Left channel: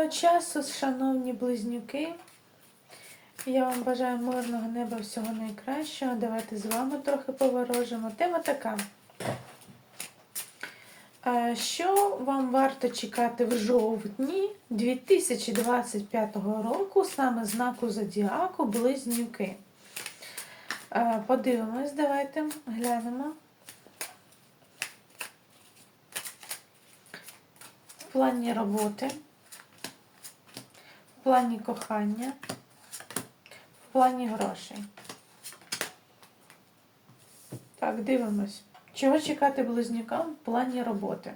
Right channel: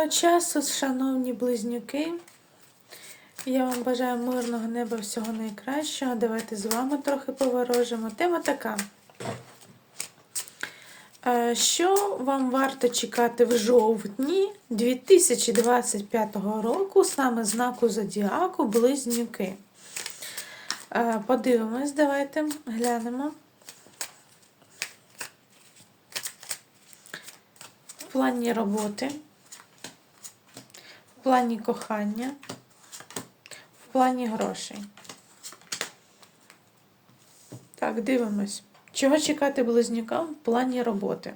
Доброго часу, шановні близнюки. Я вам бажаю мирного неба всього найкращого. Давайте з вами трохи поворожимо. Тема така. Е, Що вам варто чекати в жовтні 2025 року саме знаку Зодіаку Близнюки? Е, Подивимось, давайте глянемо. В плані роботи, в плані кохання, в плані грошей. Так, дивимось. Чого чекати близнюкам в плані роботи?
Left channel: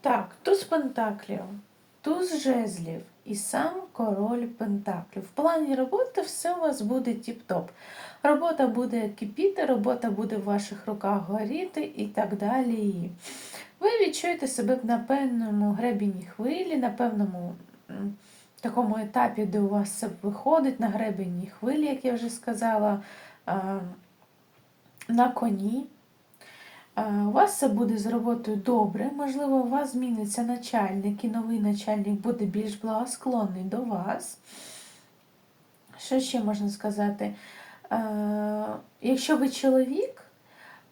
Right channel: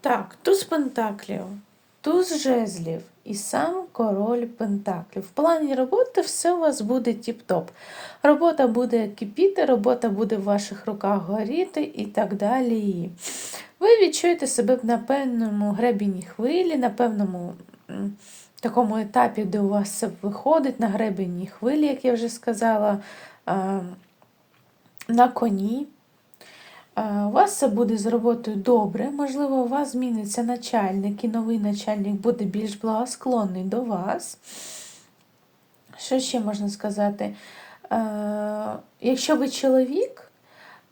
Так, туз пентаклів, туз жезлів і сам король пентаклів. В плані роботи все у вас буде тіп-топ. Робота буде кипіти, робота буде в ваших руках горіти і так далі. Ви відчуєте себе на певному гребінні хвилі, на певному такому етапі, де у вас все виходить, на гребені хвилі, як я вже сказала, на коні. А, У вас все буде з роботою добре, можливо, у вас зміниться начальник, і новий начальник буде більш благосклонний до вас. Що ще можна сказати? Е, Якщо ви чоловік,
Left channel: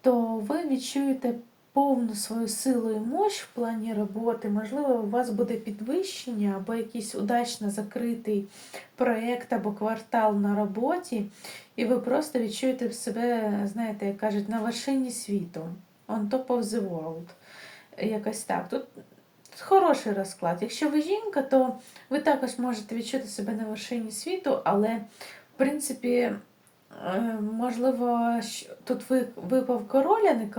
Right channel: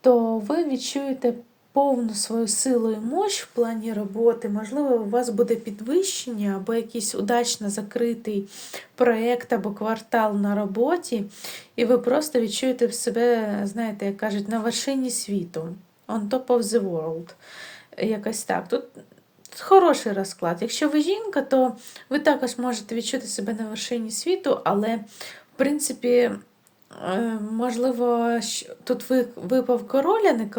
то ви відчуєте повну свою силу і мощ в плані роботи. Можливо, у вас буде підвищення або якийсь удачно закритий проєкт або квартал на роботі, і ви просто відчуєте себе, знаєте, як кажуть, на вершині світу. On top of the world. Якось так. Тут хороший розклад. Якщо ви жінка, то ви також можете відчути себе на вершині світу, але, в принципі, е, можливо, тут ви- випав король, а не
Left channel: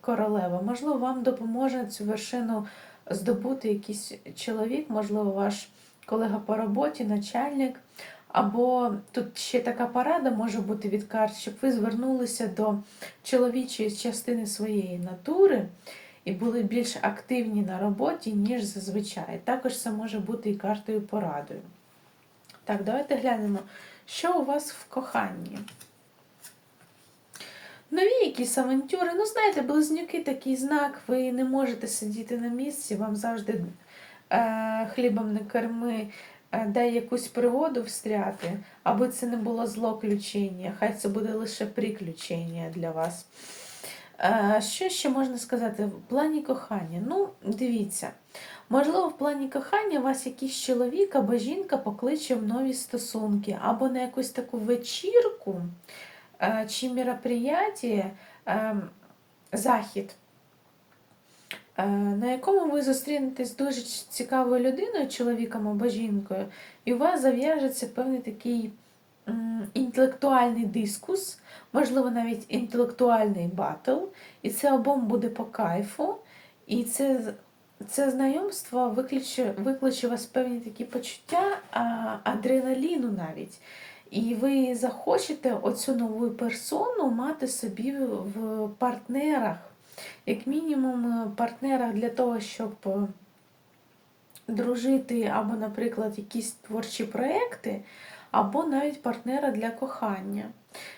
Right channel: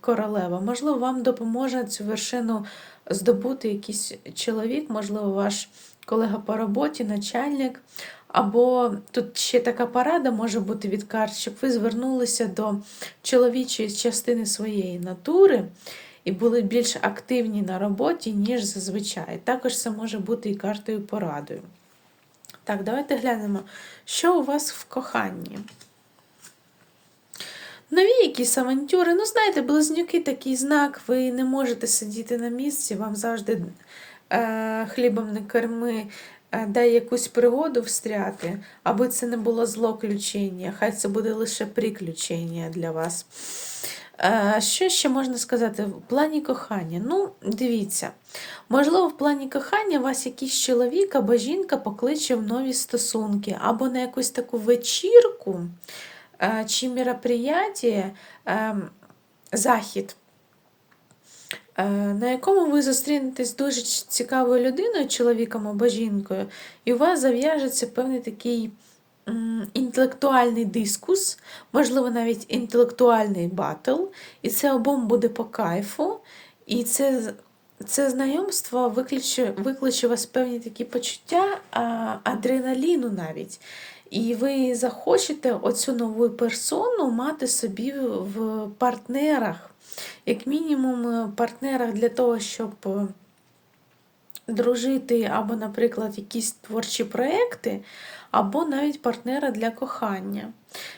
королева. Можливо, вам допоможе цю вершину здобути якийсь чоловік, можливо, ваш колега по роботі, начальник. Або тут ще така порада може бути від карт, щоб ви звернулися до чоловічої частини своєї натури і були більш активні на роботі, ніж зазвичай. Також це може бути і картою порадою. Так, давайте глянемо, що у вас в коханні. Нові якісь авантюри. Ну, знаєте, близнюки такий знак, ви не можете сидіти на місці, вам завжди хлібом не корми, е, дай якусь пригоду встряти, аби це не було злоключення, хай це буде лише приключення для вас. Е, Що ще можна сказати? В плані кохання. Ну, дивіться, можливо, в плані кохання вас якийсь чоловік або жінка покличе в нові стосунки, або на якусь таку вечірку е, чи мероприятие, е, захід, е, на якому ви зустрінетесь з дуже цікавою людиною, чоловіком або жінкою, і у вас зав'яжеться певний такий інтелектуальний дискус, можливо, навіть інтелектуальний батл, і це обом буде по кайфу, і це, це знайомство викличе, викличе у вас певні такі почуття адреналіну навіть. І ви захочете оцю нову персону мати собі в партнерах, як мінімум, е, партнерах для того, щоб е, дружити, або, наприклад, якісь творчі проекти, або навіть партнера для кохання.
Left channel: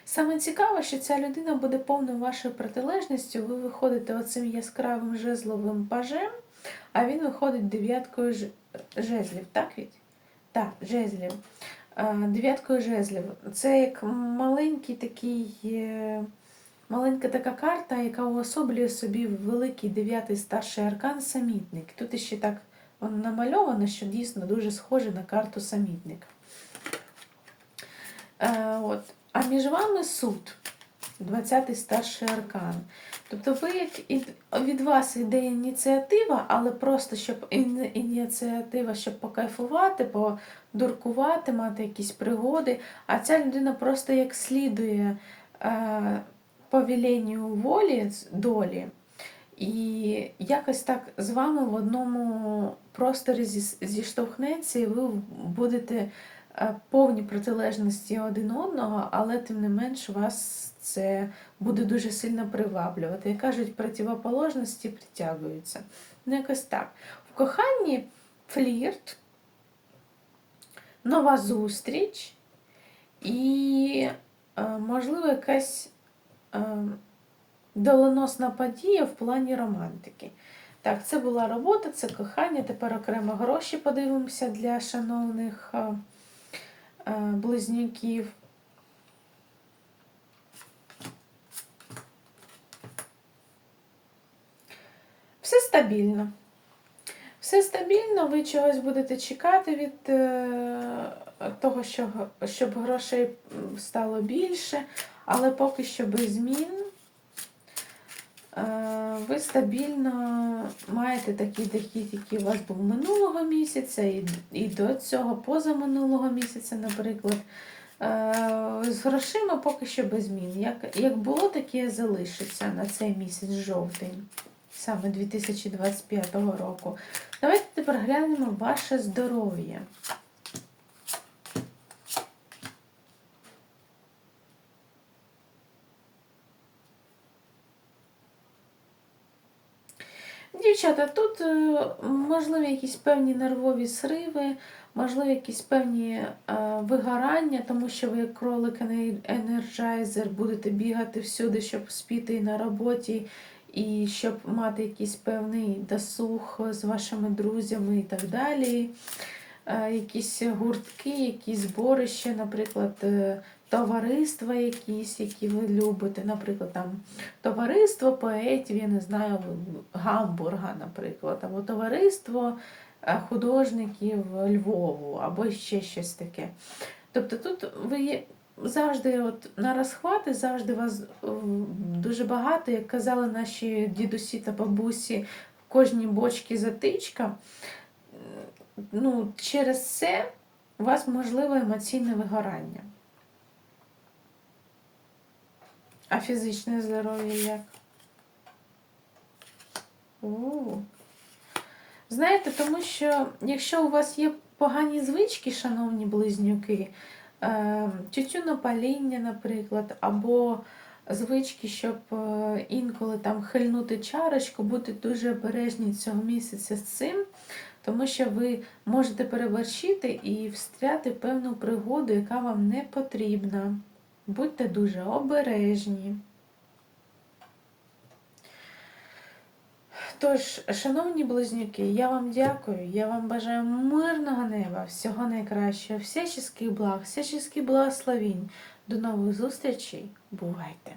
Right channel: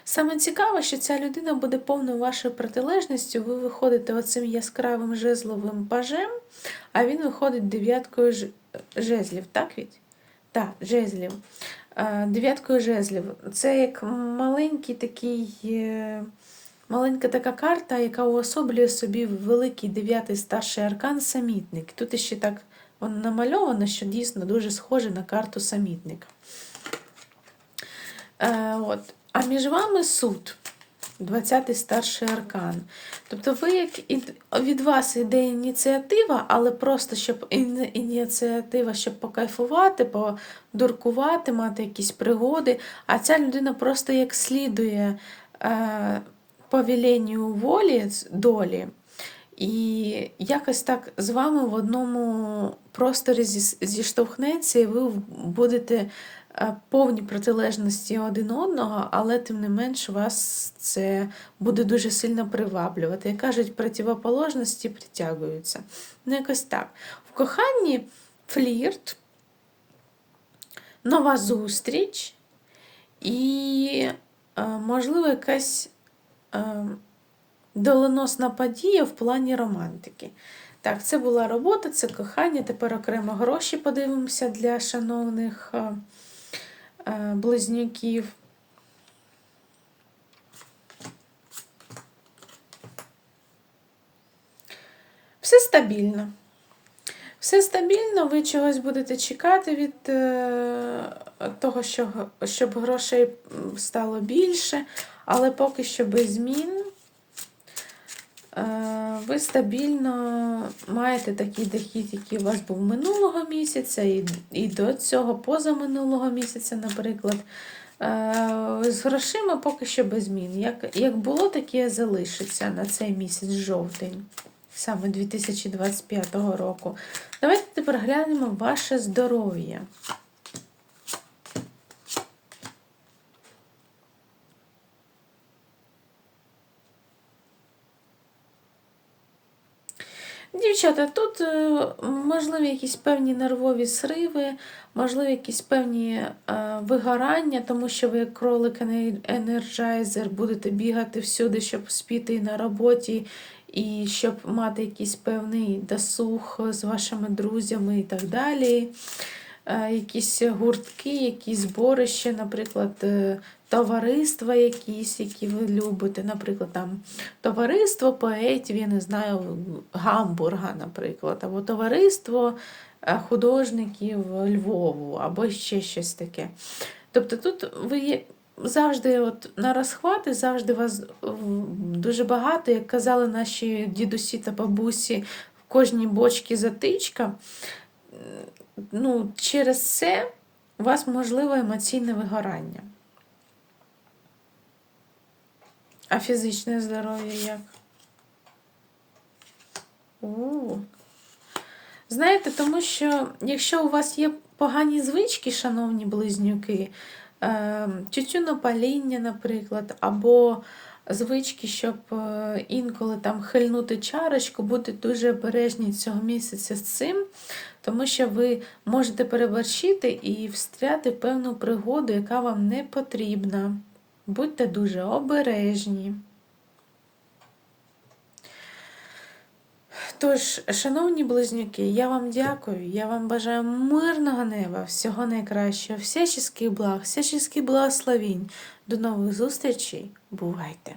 Саме цікаве, що ця людина буде повною вашою протилежністю. Ви виходите оцим яскравим жезловим пажем, а він виходить дев'яткою жезлів, так ведь? Так, жезлів. Е, Дев'яткою жезлів. Це як маленький такий. Маленька така карта, яка уособлює собі великий дев'ятий старший аркан самітник. Тут ще так воно намальовано, що дійсно дуже схоже на карту самітник. Е, от. А між вами суд, 20-й старший аркан. Тобто ви як від вас йде ініціатива, але просто щоб ініціатива, щоб покайфувати, подуркувати, мати якісь пригоди. А ця людина просто як слідує е, повіленню волі, долі. І якось так з вами в одному просторі зіштовхнеться, і ви будете е, повні протилежності один одного, але тим не менш вас це буде дуже сильно приваблювати. Як кажуть, противоположності притягуються. Ну, якось так. В коханні флірт, нова зустріч і е, можливо, якась доленосна подія в плані романтики. Так, це була робота, це кохання. Тепер окремо гроші подивимося для шановних е, е, близнюків. Все стабільно. Все стабільно, ви чогось будете чекати від е, того, що, щоб грошей стало більше, але поки що без змін. Е, ви стабільно маєте такий дохід, який у вас був минулого місяця, і, і до цього позаминулого місяця, наприклад. Е, З грошима поки що без змін. Як, як було, таке залишиться на цей місяць жовтень, саме 2025 року. Давайте тепер глянемо ваше здоров'я. Дівчата, тут е, можливі якісь певні нервові сриви, можливі якісь певні е, вигорання, тому що ви, як кролик енерджайзер, будете бігати всюди, щоб спіти на роботі, і щоб мати якийсь певний досуг з вашими друзями і так далі. Е, Якісь гуртки, якісь зборища, наприклад, товариства якісь, які ви любите, наприклад, там товариство поетів, я не знаю, Гамбурга, наприклад, або товариство е, художників Львову, або ще щось таке. Тобто тут ви завжди от на розхвати, завжди вас дуже багато, як казали наші дідусі та бабусі, в кожній бочці затичка. Ну, через це у вас можливо емоційне вигорання. А фізичне здоров'я як? У. Знаєте, тому що якщо у вас є погані звички, шановні близнюки, е, тютюнопаління, наприклад, або звички, щоб е, інколи там хильнути чарочку, будьте дуже обережні цього місяця з цим, тому що ви можете переборщити і встряти певну пригоду, яка вам не потрібна. Будьте дуже обережні. Тож, шановні близнюки, я вам дякую, я вам бажаю мирного неба, всього найкращого, всяческих благ, всяческих благословінь. До нових зустрічей. Бувайте!